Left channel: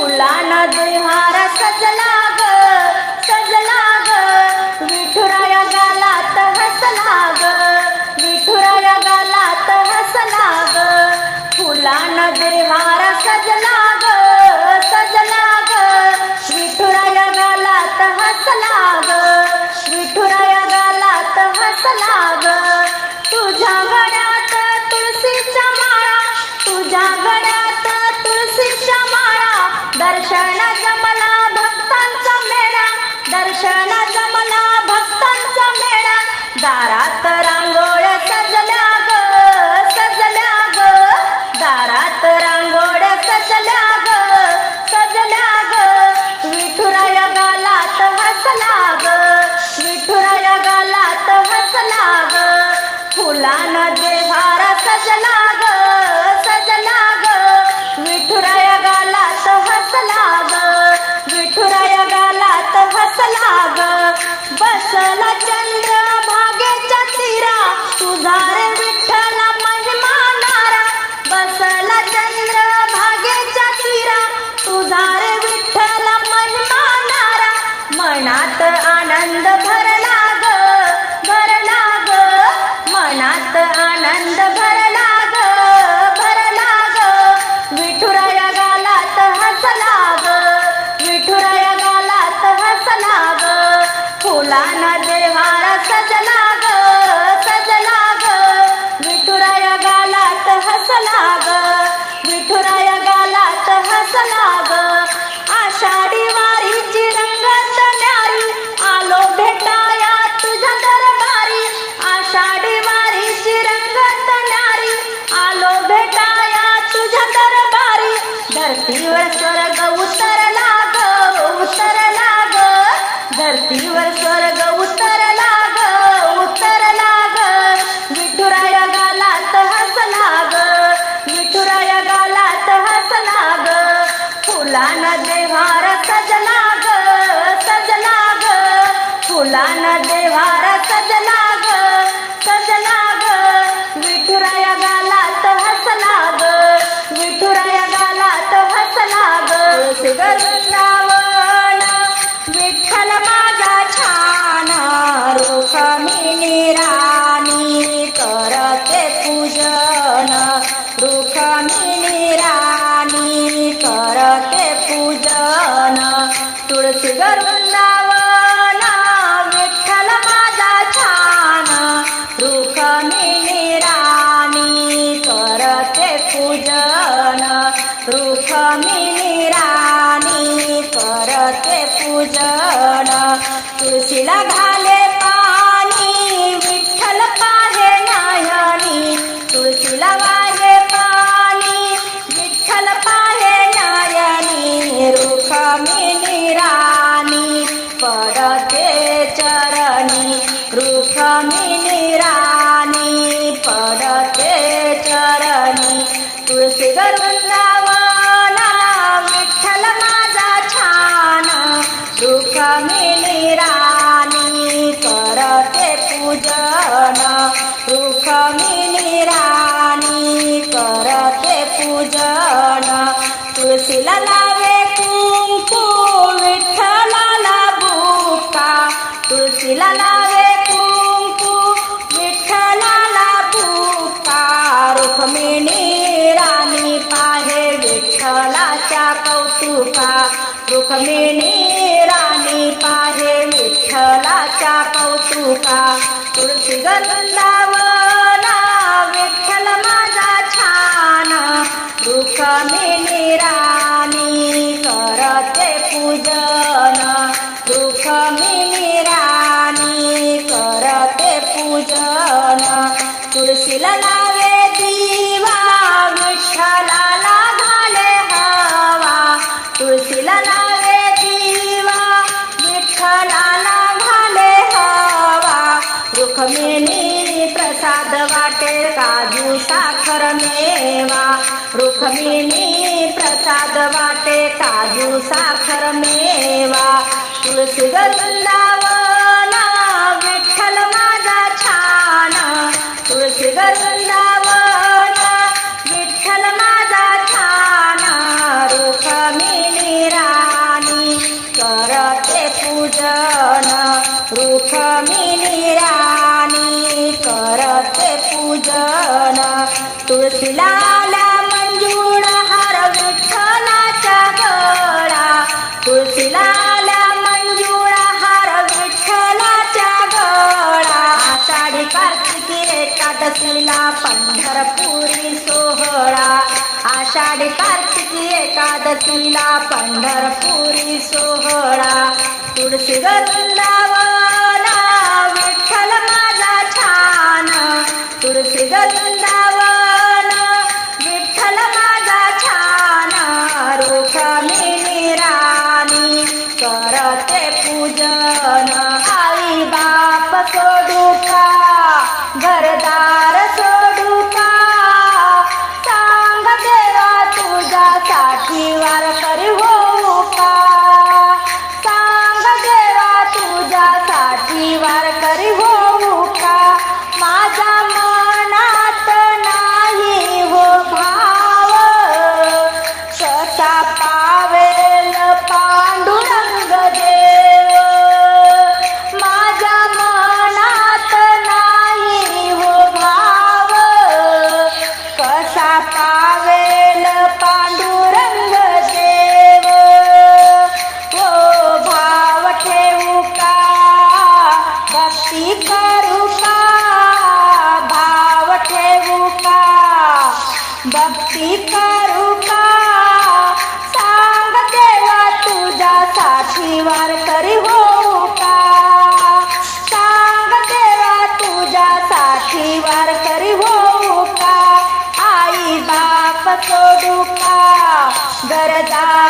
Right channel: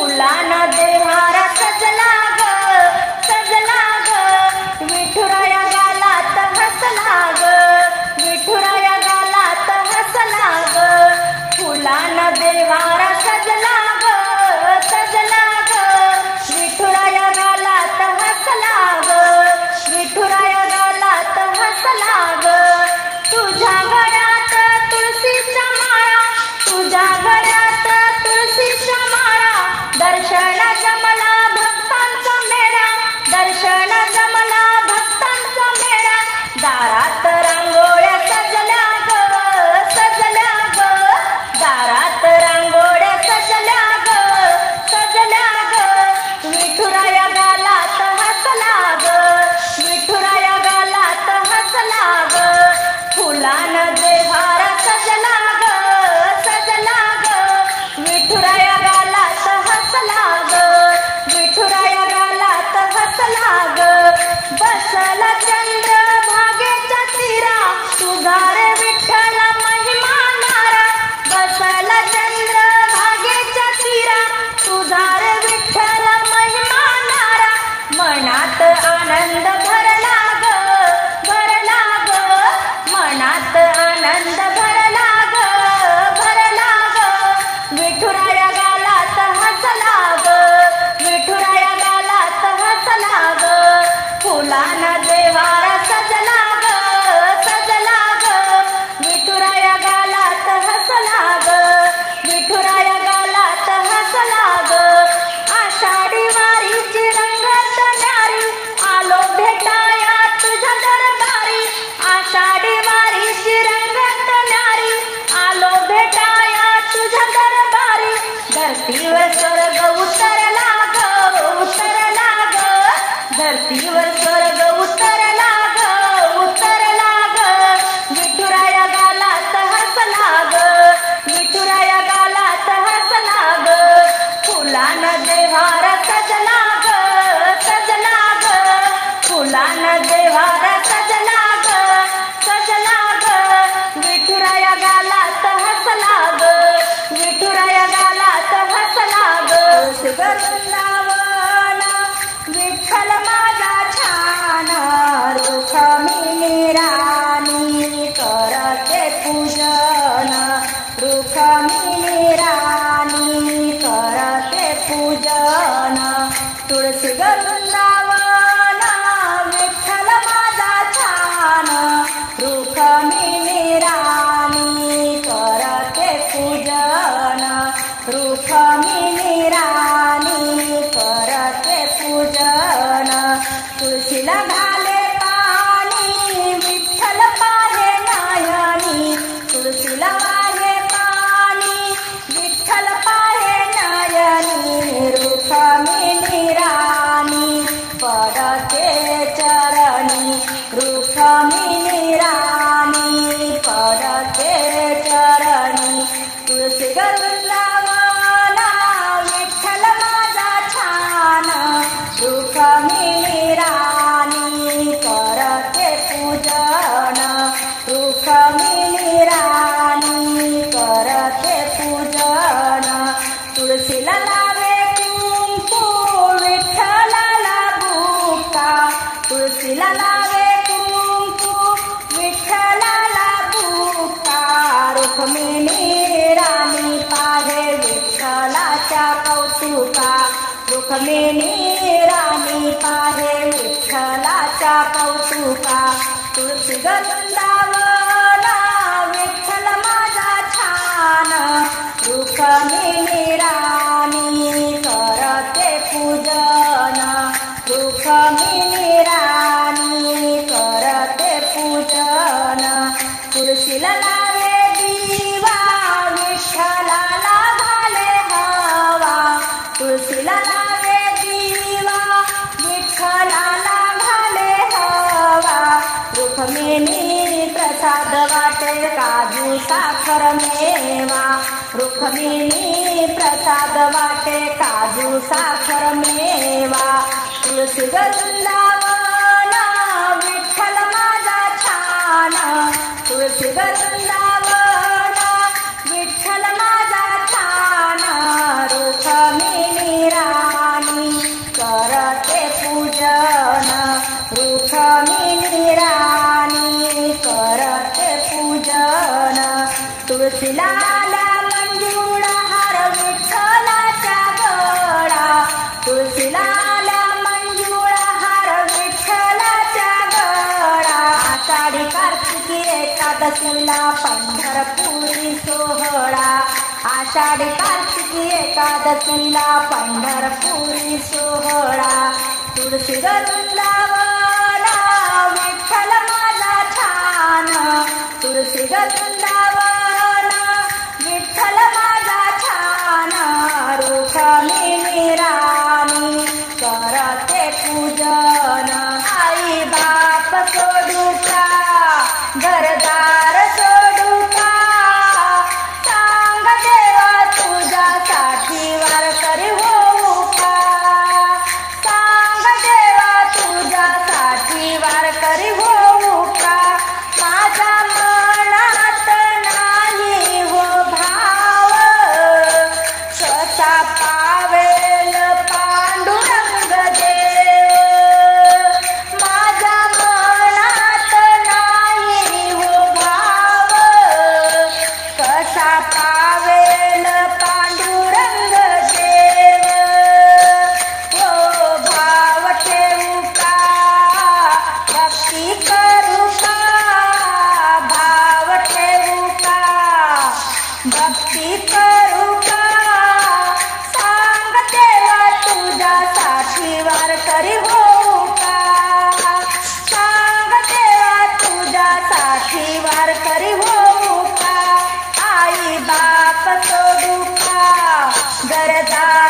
फुलानं देहारा सजला ग सजला ग विठुराया गालात हसला ग विठुराया गालात हसला ग फुलानं देहारा सजला ग सजला ग विठुराया गालात हसला ग विठुराया गालात हसला ग तुझ्या गळ्यात तुळशीचा माळा तुझ्या घरात दर्शन जमला भक्तांचा मेळा. दारात रांगोळी बसला ग बसला चंद्र भागेच्या तीरा तुझा रे विठ्ठला महिमा नारा. बसला चंद्र भागेच्या तीरा तुझा रे विठ्ठला महिमा नारा. मनात आनंद फुलानं देव्हार सजला ग सजला ग विठुराया गालात हसला ग विठुराया गालात हसला ग विठ्ठल माझा छान रुखमिनी राणी. करते पूजन रुखमिनी राणी. करते पूजन तुळशी गरुंदा पूजन। तुळशीला घाले पाणी विठ्ठल पाहे नायानी। तुळशीला वाहे पाणी विठ्ठल पाहे नयनी। रुखमिनी राणी पडते चरणी। रुखमिनी राणी पडते चरणी। तुळशी वृंदावना तुळशीला लावे कुंकू विठ्ठलाला बुका रुक्मिणी राणी पाहे विठ्ठलाच्या कौतुका. रुक्मिणी राणी पाहे विठ्ठलाच्या कौतुका. तुळशी वृंदावना रुखमिनी प्रसाद वाटे काजू साखर मेवा. रुखमिनी प्रसाद वाटे काजू साखर मेवा. तुळशी वृंदावना विठ्ठल माझा छान. तुलसी वृंदावना दसमीला पंढरपुरी सोहळा. आषाढी कार्तिकी एकादशीला पंढरपुरी सोहळा. तुळशी गरुंदावला विठ्ठल माझा छान. तुळशी गरुंदा गरता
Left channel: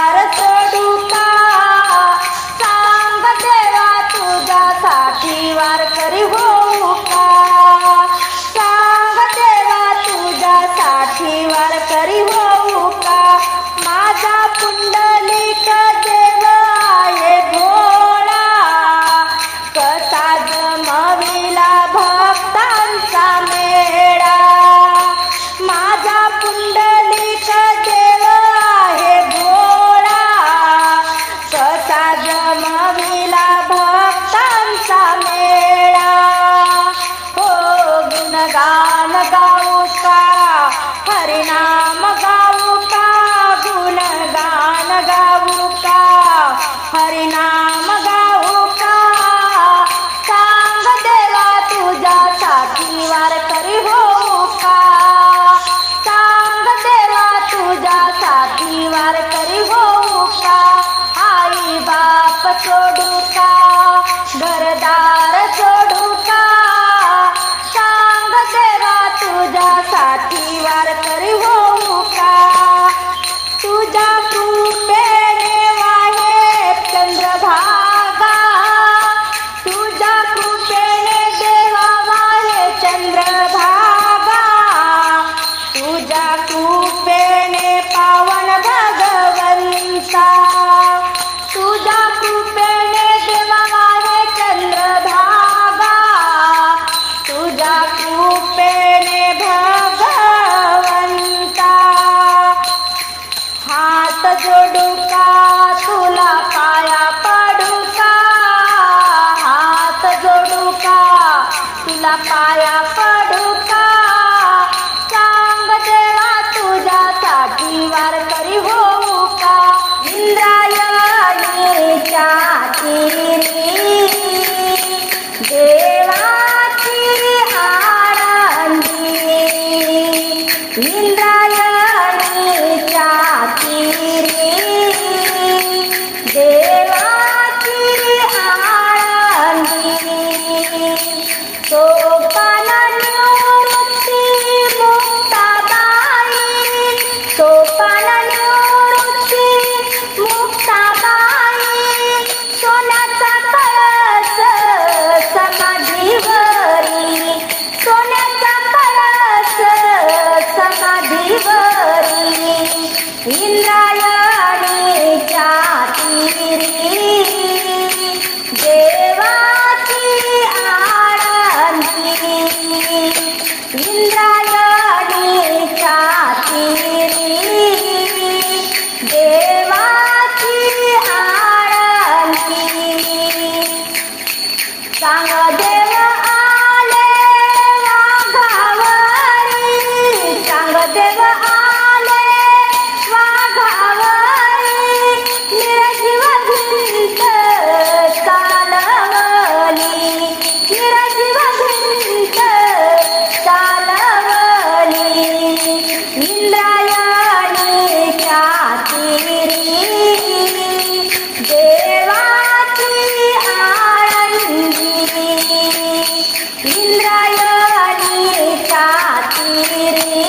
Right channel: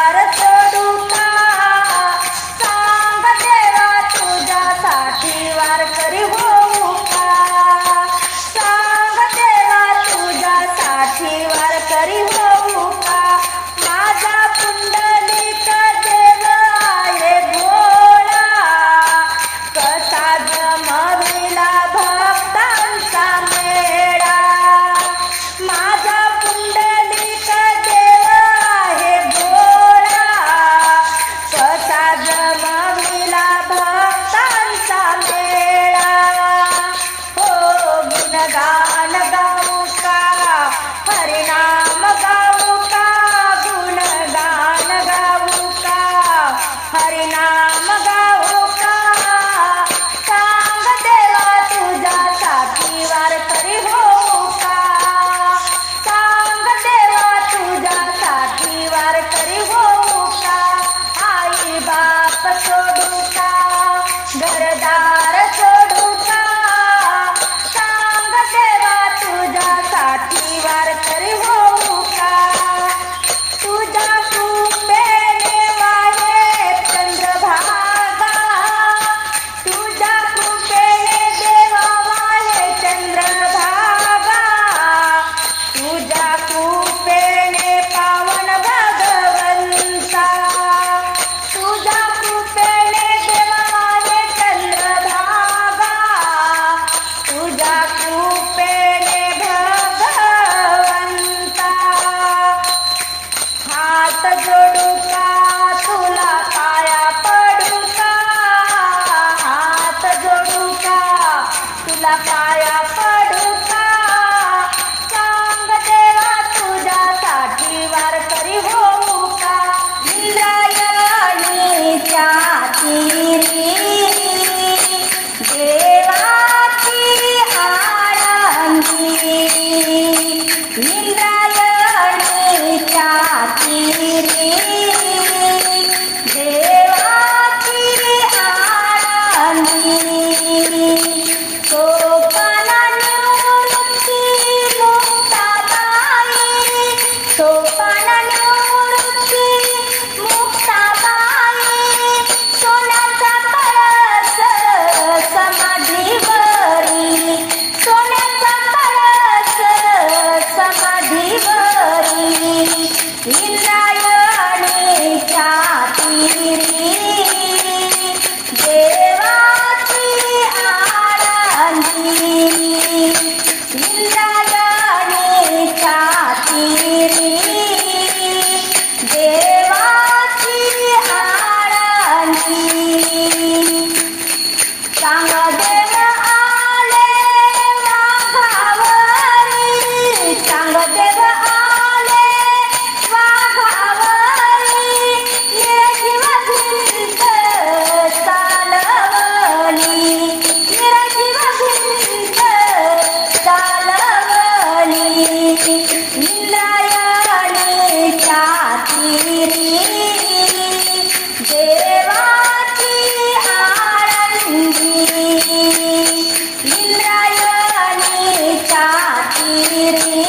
गुणगान गाओ का, हरिनाम गाओ का, गुणगान गाओ का, हरिनाम गाओ का। सांग देवा तुझा साथीवार करी हो का। सांग देवा तुझा साथीवार करी हो का। आई बाप सोडू का Thank you.